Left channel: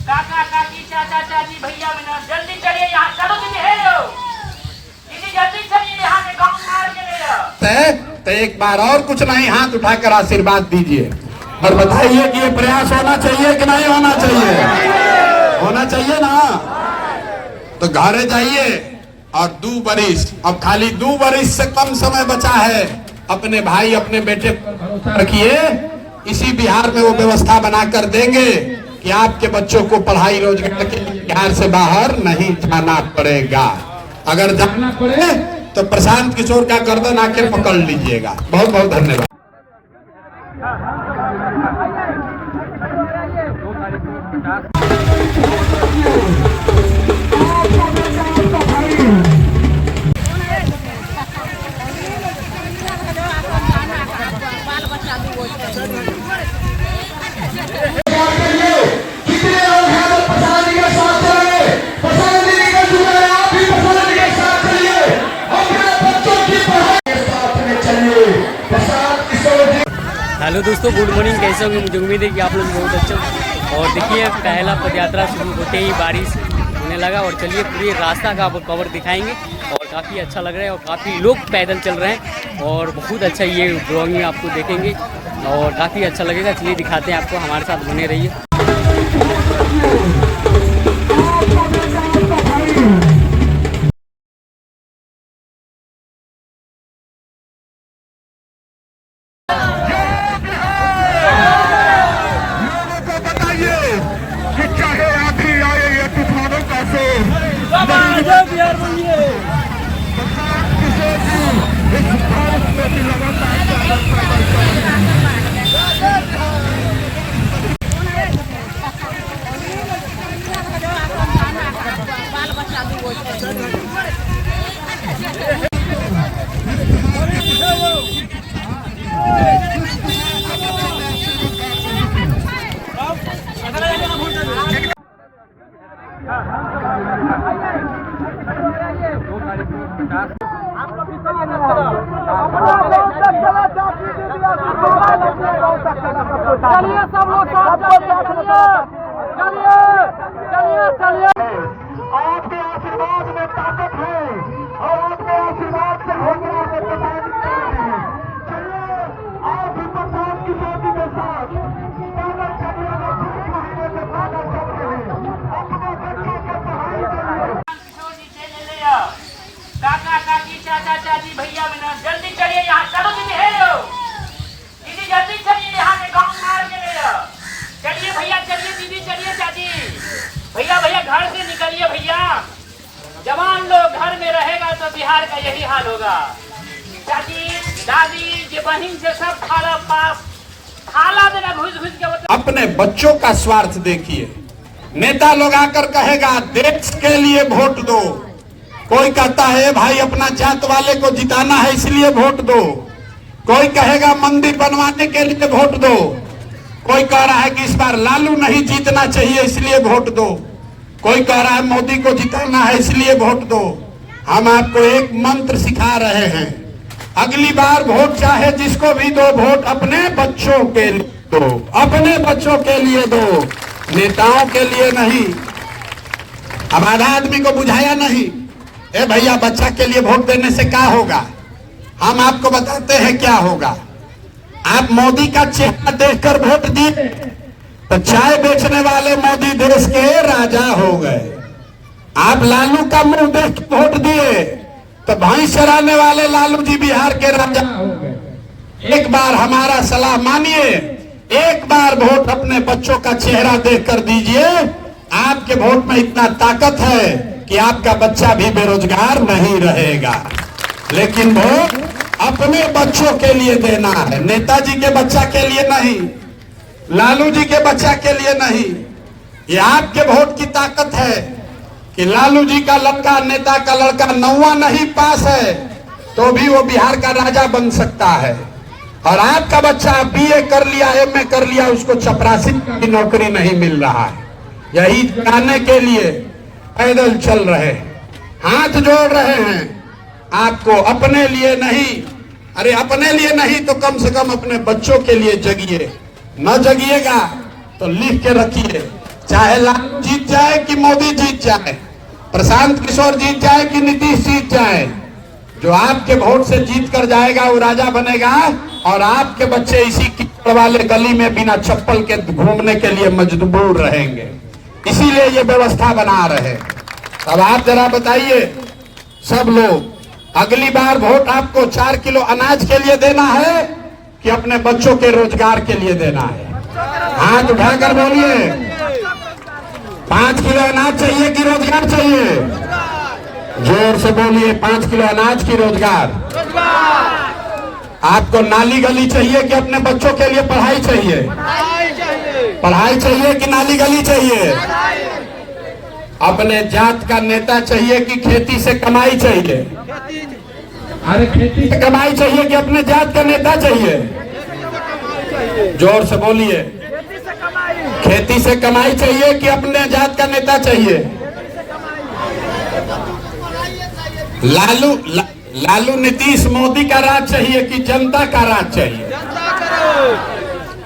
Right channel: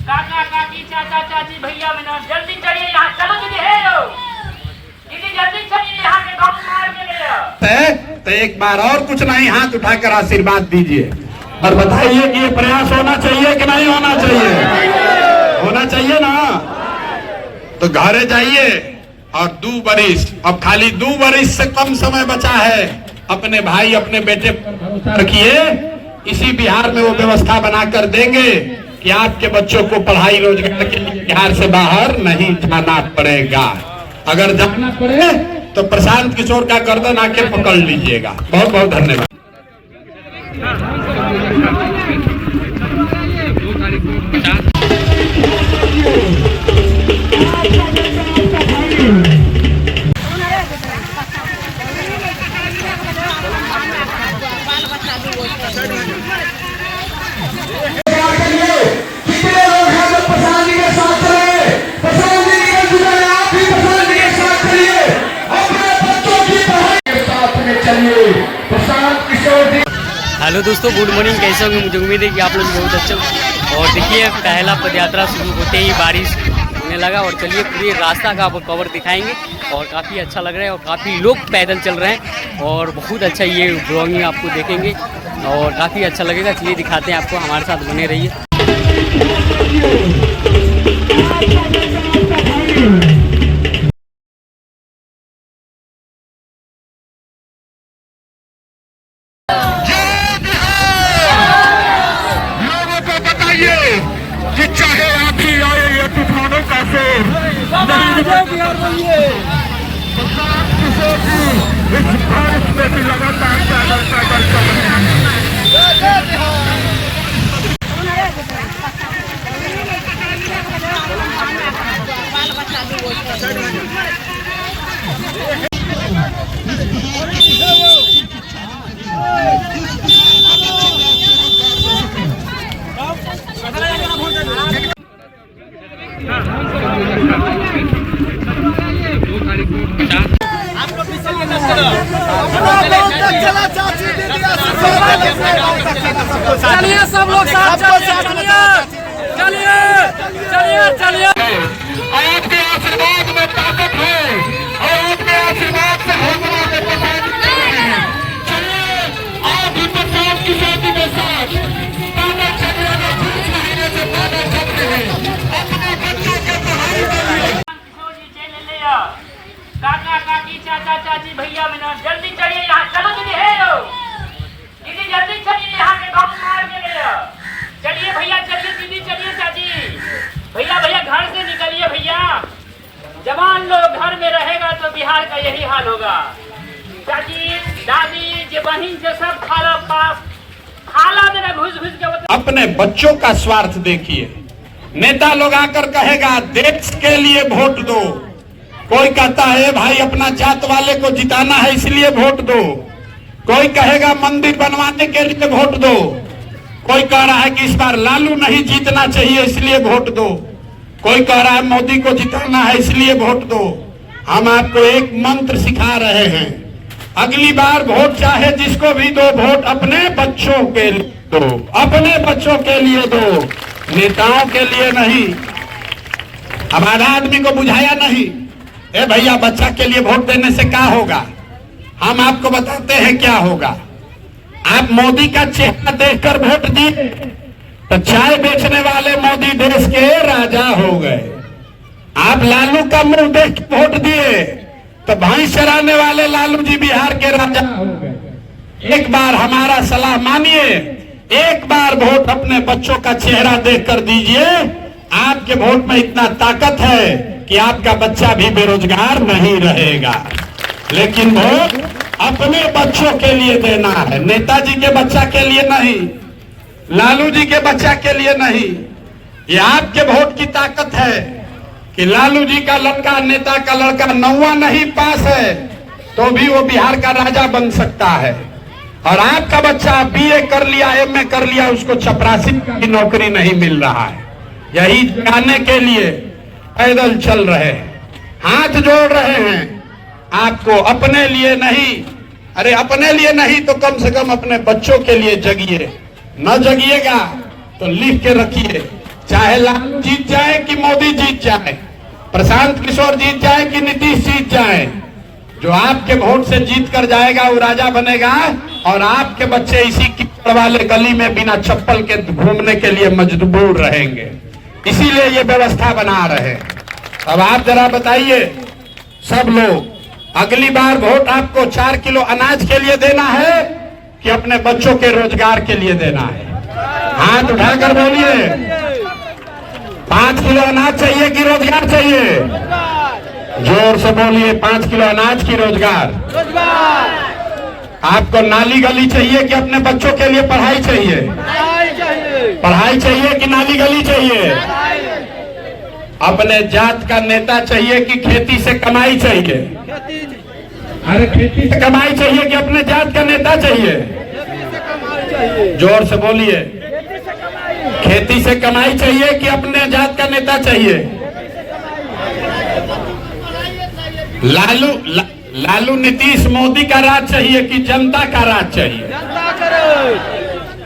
काका काकी चाचा चाची भैया मैंने जल्दी चलिए यहाँ। चलो दीदी है यो दीदी जल्दी चलिए यहाँ के गाँव मार के ले जाओ। तो एक बार और कुछ नहीं, हाथ उठाकर आशीर्वाद दीजिए और बताइए कि ये प्रयास होना चाहिए कि नहीं होना चाहिए। होना चाहिए ना। तो घरे जाइए और 2 बरिस, अब खाली 2 बरिस से कम समय बचा है। अपने भाई अपने बेटे पर रखिए, इसी बिहार में वो व्यवस्था बनाकर देंगे कि आपके बच्चों को पढ़ाई रोजगार के लिए बिहार से बाहर नहीं जाना पड़ेगा। अगर जाना पड़े तो प्रशांत किशोर का गर्दन आके पकड़ लीजिएगा। बहुत बहुत धन्यवाद। हेलो दोस्तों, गुड मॉर्निंग। कैसे होंगे? मुझे उम्मीद है कि आप लोग बहुत अच्छे हो। और देखिए पहला पदयात्रा शुरू होते ही बारिश होने लगा और चलिए पूरे रास्ता का आपको कवर दिखाएंगे। और काफ़ी अच्छा लग रहा है और काफ़ी लोग पैदल चल रहे हैं और बहुत अच्छा ये ब्लॉगिंग आपको देखेंगे और काफ़ी अच्छा लगेगा। चलिए दिखाते हैं आपको, हमारे साथ बने रहिए। कि चाहे आंधी आए या तूफानों का शोर, इस भारत में भी लगातार पैदल पैदल चल रहे हैं। चलिए सब लोग साथ चलिए चलिए चलिए। आपके आशीर्वाद में ताकत है और आपके आशीर्वाद से हम चलिए आप भी प्रसाद की शादी के साथ पैदल चल रहे हैं। 5 महीने से पैदल चल रहे हैं अपने बच्चों के पढ़ाई के लिए। काका काकी चाचा चाची भैया मैंने जल्दी चलिए यहाँ। चलो दीदी है यो दीदी जल्दी चलिए यहाँ के गाँव मार के ले जाओ। चलिए भैया चलिए, दीदी चलिए, चाची भैया भैया घर से निकलिए भैया। जवान लोग घर में रहेगा तो बिहार का यही हाल होगा। चाची दादी जे बहन से सब खाला पास खाला देना घुस घुस के। अपने बच्चों का स्वार्थ देखिए। नेता लोग आकर कहेगा देश के लिए वोट दो, कोई कहता है भाई अपना जात वाले को जिताना है इसलिए वोट दो, कोई कहेगा मंदिर बनवाने के लिए वोट दो, कोई कह रहा है कि इस बार लालू नहीं जीतना चाहिए इसलिए वोट दो, कोई कह रहा है मोदी को जिताना है इसलिए वोट दो। हम आपको एक मंत्र सिखा रहे हैं, अगली बार वोट चाहे जिसको भी दो, वोट अपने बच्चों के लिए दो, अपने बच्चों के लिए दो, नेताओं के लिए नहीं। हमारा आदमी को बुझाया नहीं, ए भैया बच्चा के लिए वोट देने से क्या होगा। हम आपको बताते हैं क्या होगा। आप मोदी का चेहरा देखकर वोट दिए तो चाय बेचने वाले मोदी देश के राजा हो गए। आप लालू का मुंह देख वोट दिए तो भैंस चराने वाले लालू जी बिहार के राजा हो गए। एक बार हमारा सलाह मानिए, एक बार वोट अपने बच्चों का चेहरा देखकर दीजिए। आपके वोट में इतना ताकत है कि आपका बच्चा भी बेरोजगार नहीं रहेगा। लेकिन वोट अपने बच्चों के लिए देना है, नेताजी के बच्चा के लिए नहीं, लालू जी के बच्चा के लिए नहीं। ये आपके वोट की ताकत है कि लालू जी का लड़का, नेता का लड़का 9वां नहीं पास है तो भी वो बिहार का राजा बन सकता है। और आपका बच्चा BA कर लिया, MA कर लिया, उसको चपरासी की नौकरी नहीं मिल रहा है। यही जानने के लिए पैदल चल रहे हैं, हाथ जोड़ रहे हैं। आपको अपने लिए नहीं, अरे अपने लिए नहीं तो कम से कम अपने बच्चों के लिए जगिए। न जगिएगा तो लिख के रखिए, चाहे लालू जीत जाए कि मोदी जीत जाए, प्रशांत किशोर जीत जाए कि नीतीश जीत जाए, जो आपके वोट से जीत कर जाएगा वो राजा बनेगा, और आपके बच्चे इसी कीचड़ वाले गली में बिना चप्पल के घूमने के लिए मजबूर रहेंगे। इसीलिए ये व्यवस्था बना रहे। अब आप जरा बताइए सब लोग, अगली बार वोट आपको 4 किलो अनाज के लिए देना है कि अपने बच्चों के रोजगार के लिए देना है? हाथ उठाकर बोलिए, 5 किलो अनाज चाहिए कि रोजगार चाहिए? जोर से बोलिए, 5 किलो अनाज की रोजगार। आपको नाली गली चाहिए कि अपने बच्चों के लिए पढ़ाई चाहिए? पढ़ाई चाहिए कि नाली गली चाहिए? अपने जात का नेता चाहिए कि खेती से कमाई चाहिए? अरे खेती से कमाई चाहिए कि अपने जात का नेता चाहिए? जोर से बोलिए, खेती से कमाई चाहिए कि अपने जात का नेता चाहिए? लालू नीतीश मोदी का राज चाहिए कि जनता का राज चाहिए?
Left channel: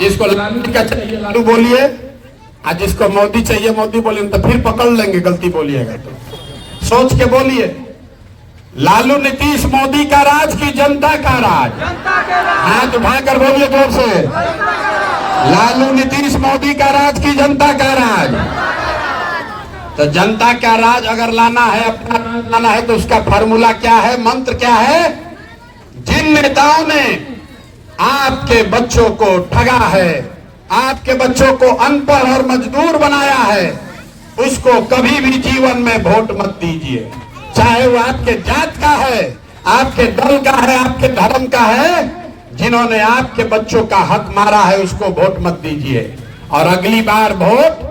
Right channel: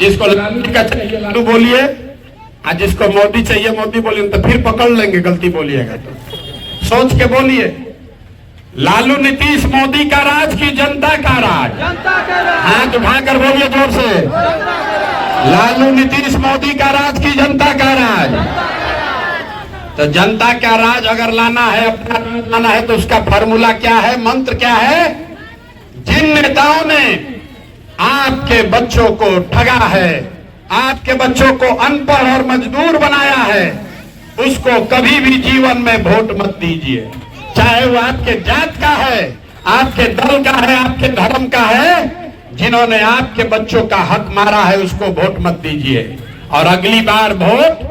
जिसको लालू का चाहिए लालू बोलिए, और जिसको मोदी चाहिए मोदी बोलिए, तो फिर पकड़ लेंगे गलती बोलिएगा तो। सोच के बोलिए, लालू नीतीश मोदी का राज की जनता का राज? हाथ उठाकर बोलिए जोर से, लालू नीतीश मोदी का राज की जनता का राज? तो जनता का राज अगर लाना है, अपना राज लाना है, तो उसका फॉर्मूला क्या है, मंत्र क्या है? जिन नेताओं ने आपके बच्चों को ठगा है, आपके बच्चों को अनपढ़ और मजदूर बनाया है, उसको कभी भी जीवन में वोट मत दीजिए। चाहे वो आपके जात का है, आपके दल का है, आपके धर्म का है, जिन्होंने आपके बच्चों का हक मारा है उसको वोट मत दीजिए। और अगली बार वोट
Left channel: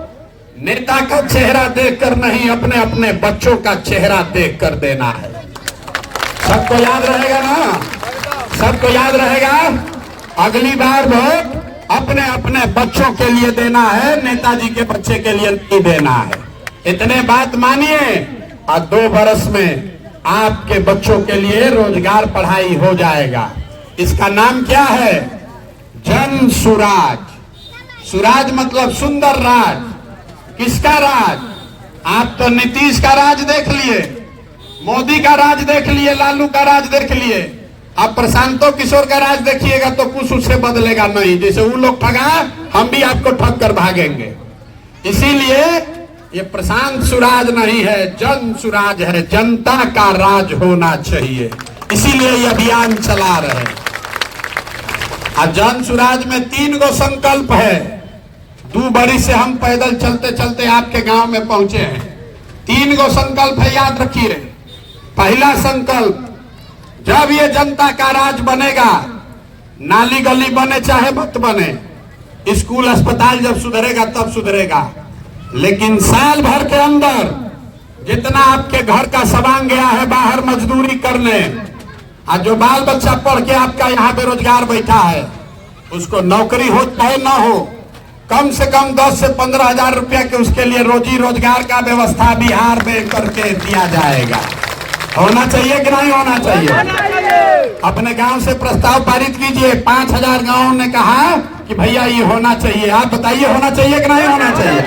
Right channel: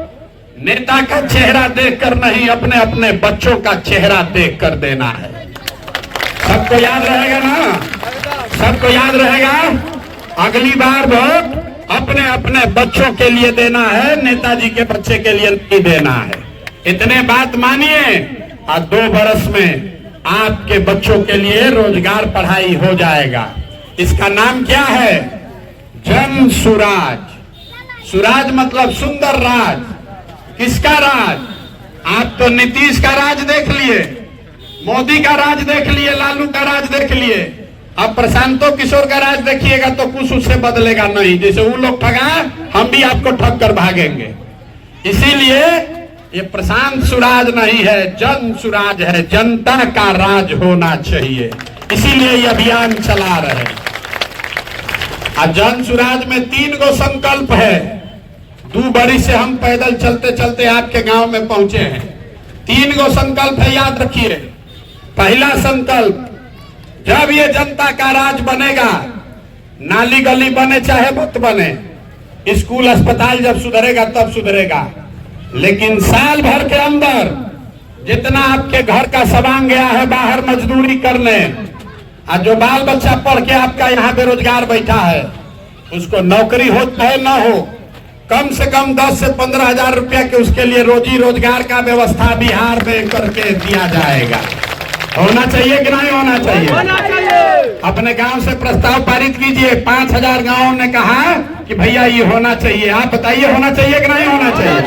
नेता का चेहरा देखकर नहीं, अपने अपने बच्चों का चेहरा देखकर देना है। सबको याद रहेगा ना? सबको याद रहेगा? अगली बार वोट अपने अपने बच्चों के लिए देना है, नेताजी के बच्चे के लिए नहीं देना है। इतने बात मानिए, और 2 बरस में आपके बच्चों के लिए रोजगार पढ़ाई हो जाएगा। इसका नाम क्या है? जन सुराज। सुराज मतलब सुंदर राज। किसका राज? आप तो नीतीश का राज देख लिए, मोदी का राज देख लिए, लालू का राज देख लिए, अब प्रशांतो किशोर का राज देखिएगा तो कुछ उससे बदलेगा नहीं। जैसे वो लोग ठगा, हम भी आपको ठग कर भागेंगे। इसीलिए ये प्रशांत सुराज नहीं है, जन सुराज है, जनता का राज होना चाहिए। इसीलिए ये अभियान चला रहे। अब जन सुराज में 3 गो संकल्प है। 2 बरी से हम पैदल चलते चलते आपके गांव में पहुंचे हैं। 3 गो संकल्प है, याद रखिए। पहला संकल्प, जब ये जनता का राज बनेगा, नाली गली बने चाहे मत बने, स्कूल अस्पताल जब सुधरेगा तब सुधरेगा, लेकिन साल भर के अंदर जितना आपके घर का सामान गया है बाहर मजदूरी करने, और जो बाल बच्चा पढ़ के आपका यहाँ बेरोजगार बैठा है, उसको नौकरी हो चाहे ना हो, कम से कम 10 से 15 हजार रुपया के उसके लिए रोजी रोजगार का व्यवस्था बिहार में करके दिया जाएगा। होना चाहिए कि नहीं होना चाहिए? अपने गांव से प्रस्ताव पारित कीजिए। 5000 गांवों ने कहा कि भैया ये होना चाहिए। आप बताइए होना चाहिए कि नहीं होना चाहिए?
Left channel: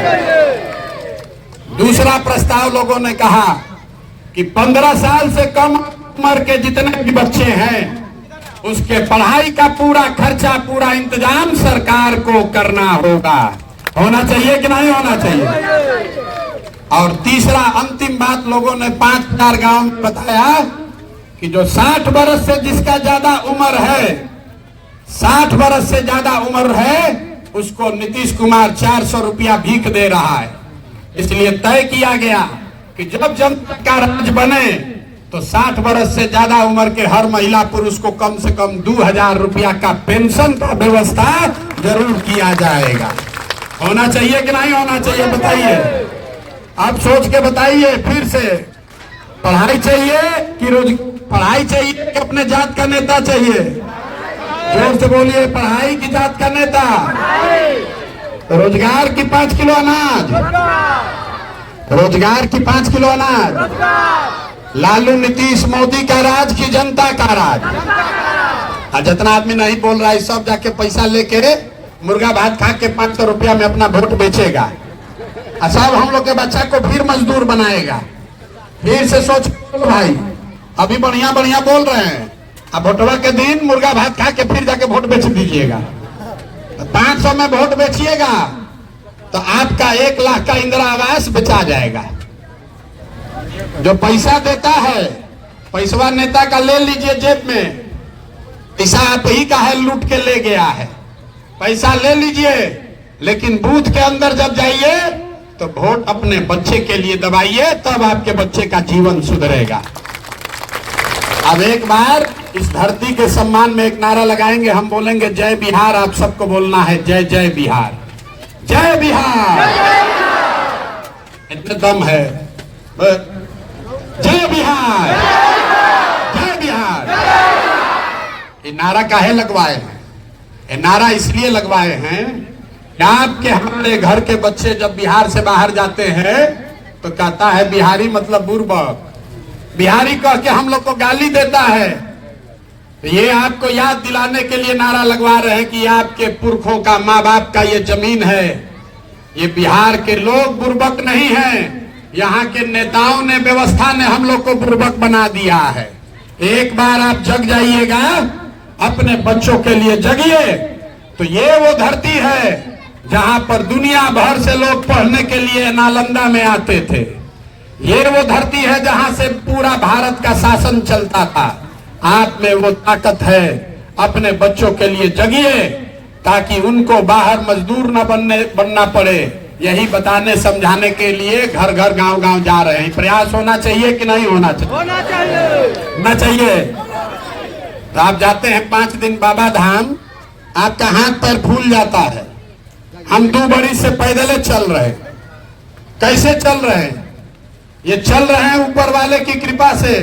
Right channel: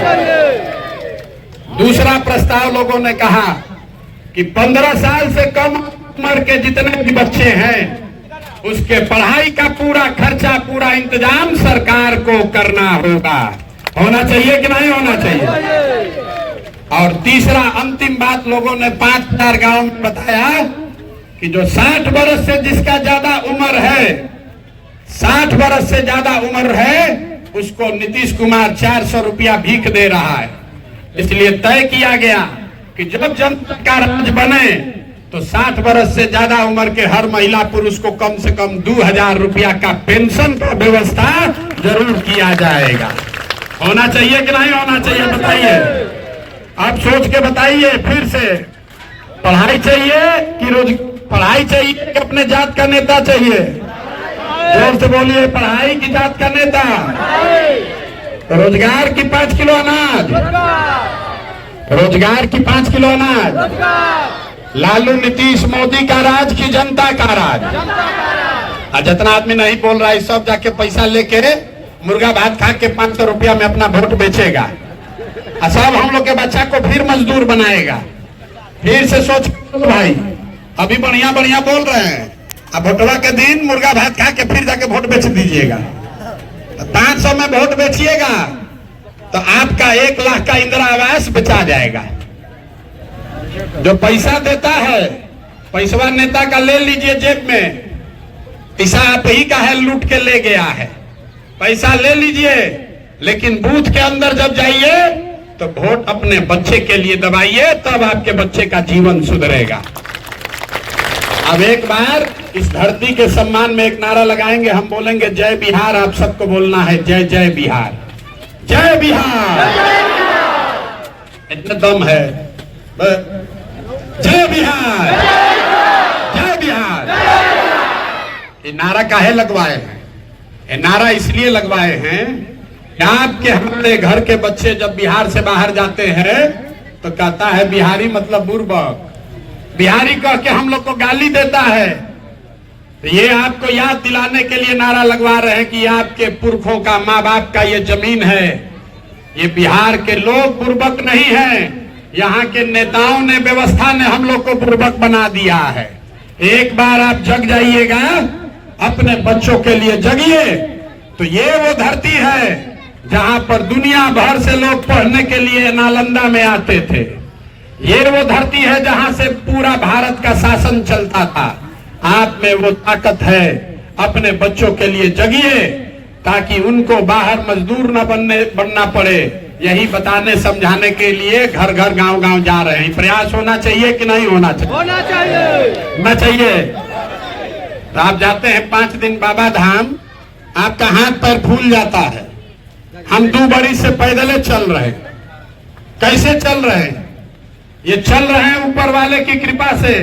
दूसरा प्रस्ताव लोगों ने कहा कि 15 साल से कम उम्र के जितने भी बच्चे हैं उसके पढ़ाई का पूरा खर्चा, पूरा इंतजाम सरकार को करना होगा। होना चाहिए कि नहीं होना चाहिए? और तीसरा अंतिम बात लोगों ने 5000 गांव में बताया कि जो 60 बरस से जिसका ज्यादा उम्र है, 60 बरस से ज्यादा उम्र है, उसको नीतीश कुमार 400 रुपया भीख दे रहा है। इसलिए तय किया गया कि जब जनता का राज बने तो 60 बरस से ज्यादा उम्र के हर महिला पुरुष को कम से कम 2000 रुपया का पेंशन का व्यवस्था जरूर किया जाएगा। होना चाहिए कि नहीं होना चाहिए? बताइए, आप सोच के बताइए फिर से। पढ़ाई चाहिए कि पढ़ाई चाहिए कि अपने जात का नेता चाहिए? जोर से बोलिए, पढ़ाई की जात का नेता? रोजगार की 5 किलो अनाज? रोजगार की 5 किलो अनाज? लालू नीतीश मोदी का राज की जनता का राज। और जितना आदमी नहीं बोल रहा है सब जाके पैसा लेके मुर्गा भात खा के 500 रुपया में अपना वोट बेचेगा और सब हम लोग के बच्चा को फिर मजदूर बनाएगा। फिर से सोच भाई, अभी बढ़िया बढ़िया बोल रहे हैं, अब वोटवा के दिन मुर्गा भात खा के फिर जाके वोट बेच दीजिएगा। 500 में वोट बेचिएगा तो आपका 1 लाख का इंदिरा आवास बेचा जाएगा। जो पैसा देता है पैसवा नेता का ले लीजिए जेब में, पैसा आप ही का है, लूट के ले गया है। पैसा ले लीजिए, लेकिन बूथ के अंदर जब जाइए तो वोट अपने बच्चे के लिए दबाइए, तब आपके बच्चे का जीवन सुधरेगा। अब एक बार इस धरती के सम्मान में एक नारा लगाएंगे, हम बोलेंगे जय बिहार। आप सबको बोलना है जय जय बिहार, जय बिहार। इतना दम है, जय बिहार, जय बिहार। ये नारा काहे लगवाए हैं? ये नारा इसलिए लगवाए हैं कि आपके हमारे घर के बच्चे जब बिहार से बाहर जाते हैं तो कहता है बिहारी मतलब बुर्बक, बिहारी कह के हम लोग को गाली देता है। ये आपको याद दिलाने के लिए नारा लगवा रहे हैं कि आपके पुरखों का, माँ बाप का ये जमीन है। ये बिहार के लोग बुर्बक नहीं है, यहाँ के नेताओं ने, व्यवस्था ने हम लोग को बुर्बक बना दिया है। एक बार आप जग जाइएगा, अपने बच्चों के लिए जगिए, तो ये वो धरती है जहाँ पर दुनिया भर से लोग पढ़ने के लिए नालंदा में आते थे। ये वो धरती है जहाँ से पूरा भारत का शासन चलता था। आप में वो ताकत है, अपने बच्चों के लिए जगिए ताकि उनको बाहर मजदूर न बनना पड़े। यही बताने समझाने के लिए घर घर गांव गांव जा रहे हैं। प्रयास होना चाहिए कि नहीं होना चाहिए? होना चाहिए, होना चाहिए। तो आप जाते हैं 5 दिन बाबा धाम, आपका हाथ पैर फूल जाता है। हम 2 बरिस से पैदल चल रहे हैं। कैसे चल रहे हैं? ये चल रहे हैं ऊपर वाले की कृपा से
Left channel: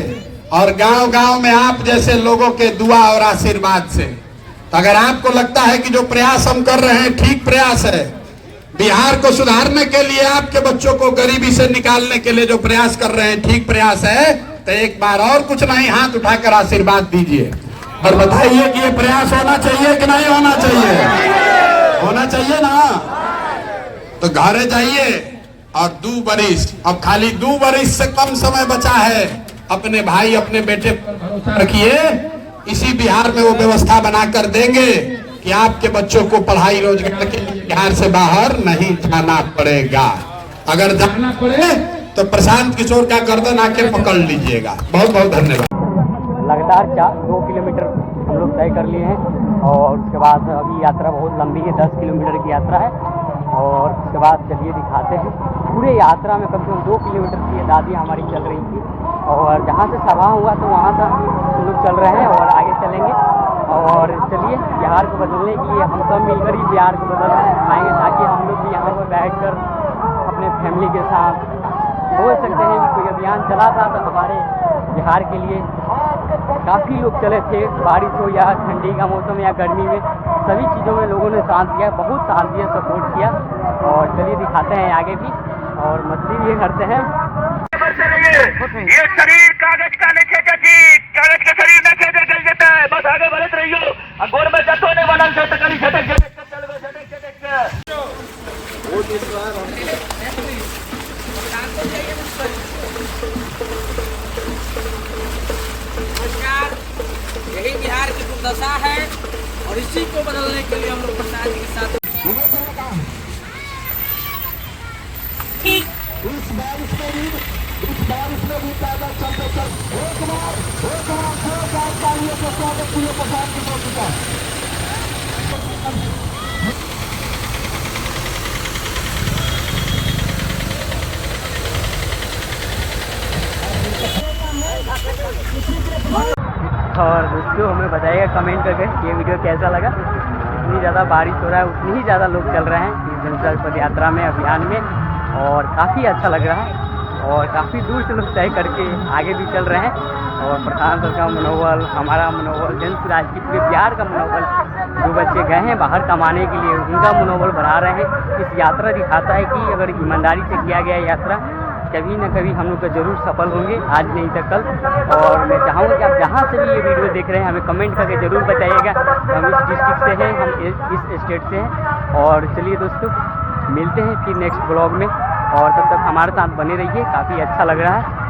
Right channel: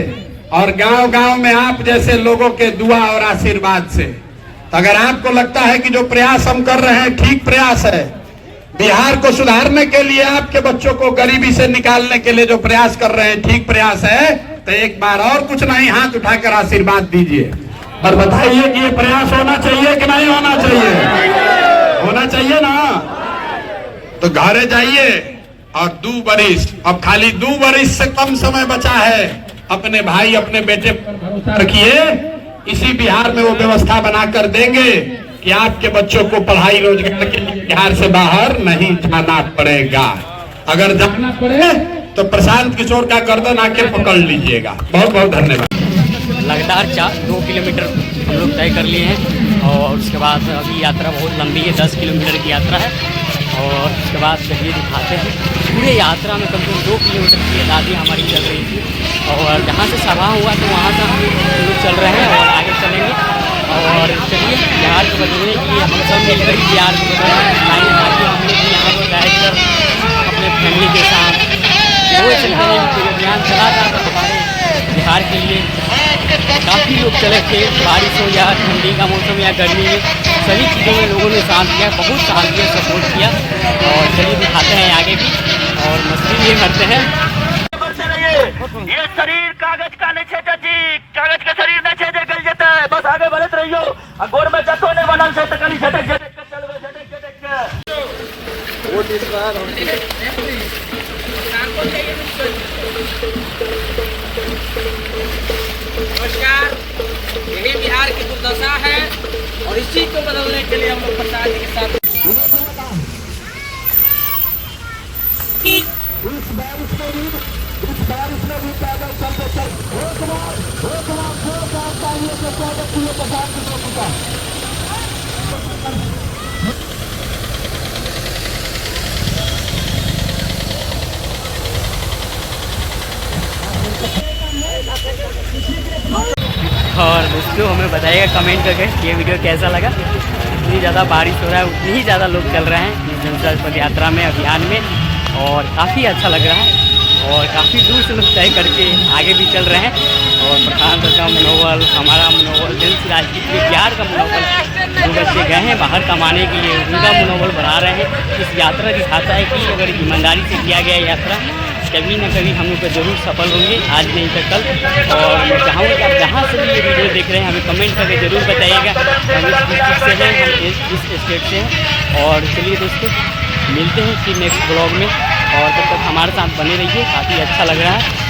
और गांव गांव में आप जैसे लोगों के दुआ और आशीर्वाद से। तो अगर आपको लगता है कि जो प्रयास हम कर रहे हैं ठीक प्रयास है, बिहार को सुधारने के लिए, आपके बच्चों को गरीबी से निकालने के लिए जो प्रयास कर रहे हैं ठीक प्रयास है, तो एक बार और कुछ नहीं, हाथ उठाकर आशीर्वाद दीजिए और बताइए कि ये प्रयास होना चाहिए कि नहीं होना चाहिए? होना चाहिए ना। तो घरे जाइए और 2 बरिस, अब खाली 2 बरिस से कम समय बचा है। अपने भाई, अपने बेटे पर भरोसा रखिए। इसी बिहार में वो व्यवस्था बनाकर देंगे कि आपके बच्चों को पढ़ाई रोजगार के लिए बिहार से बाहर नहीं जाना पड़ेगा। अगर जाना पड़े तो प्रशांत किशोर का गर्दन आके पकड़ लीजिएगा। बहुत बहुत धन्यवाद। लगातार 2 किलोमीटर हम लोग तय कर लिए हैं और उसके बाद अभी यात्रा बहुत लंबी है, 10 किलोमीटर की यात्रा है। और उसके बाद चलिए दिखाते हैं। पूरे यात्रा में कम से कम 2 किलोमीटर की आज़ादी हमारी चल रही थी और जहाँ से सभा हुआ तो वहाँ से हम लोग चल रहे हैं और आगे चलेंगे। और चलिए बिहार को बदलने के लिए हम सब मिलकर ही बिहार को बदलना चाहेंगे, ताकि हम लोग भी यहाँ पर बैठकर अपने फैमिली के साथ वो चलते हैं। पूरे अभियान चला था तो हमारे बिहार के लिए काफ़ी लोग चले थे, बारिश हो या ठंडी का मौसम या गर्मी में, सभी चीज़ों में लोगों ने साथ दिया, बहुत साथ दिया, सपोर्ट किया। और चलिए दिखाते हैं आगे भी और मस्ती ये करते हैं। ये शरीर कागज का नहीं छेदा जी, कागज के शरीर में छेदे गल जाता है। बस आगे बढ़ते रहियो, गोर में जतो ने बनल से तकनी झटक झटक के चलवे, झटक झटक के वो चीज नमस्कार। यही बिहार की दुर्दशा है और इसी को बदलने के लिए हम लोग प्रसाद जी के साथ इस बारिश में भी पैदल चलते एक बार तालियों के स्वागत के लिए प्रसाद की हो चुका और दोस्तों हमें बताइएगा कमेंट करके ये वीडियो कैसा लगा। जितनी ज़्यादा बारिश हो रहा है उतनी ही ज़्यादा लोग चल रहे हैं इस जनता पद यात्रा में, अभियान में, और काफ़ी अच्छा लग रहा है। और काफ़ी दूर से लोग तय करके आगे भी चल रहे हैं। और प्रधान का मनोबल, हमारा मनोबल, जनसुराज के लिए बिहार का मनोबल, जो बच्चे गए हैं बाहर कमाने के लिए उनका मनोबल बढ़ा रहे हैं। इस यात्रा दिखाता है कि अगर ईमानदारी से किया गया यात्रा कभी ना कभी हम लोग का जरूर सफल होंगे, आज नहीं तो कल। और मैं चाहूँगा कि आप जहाँ से भी ये वीडियो देख रहे हैं हमें कमेंट करके ज़रूर बताइएगा हम इस डिस्ट्रिक्ट से हैं, हम इस स्टेट से हैं। और चलिए दोस्तों, मिलते हैं फिर नेक्स्ट ब्लॉग में, और तब तक हमारे साथ बने रहिए, काफ़ी अच्छा लग रहा है।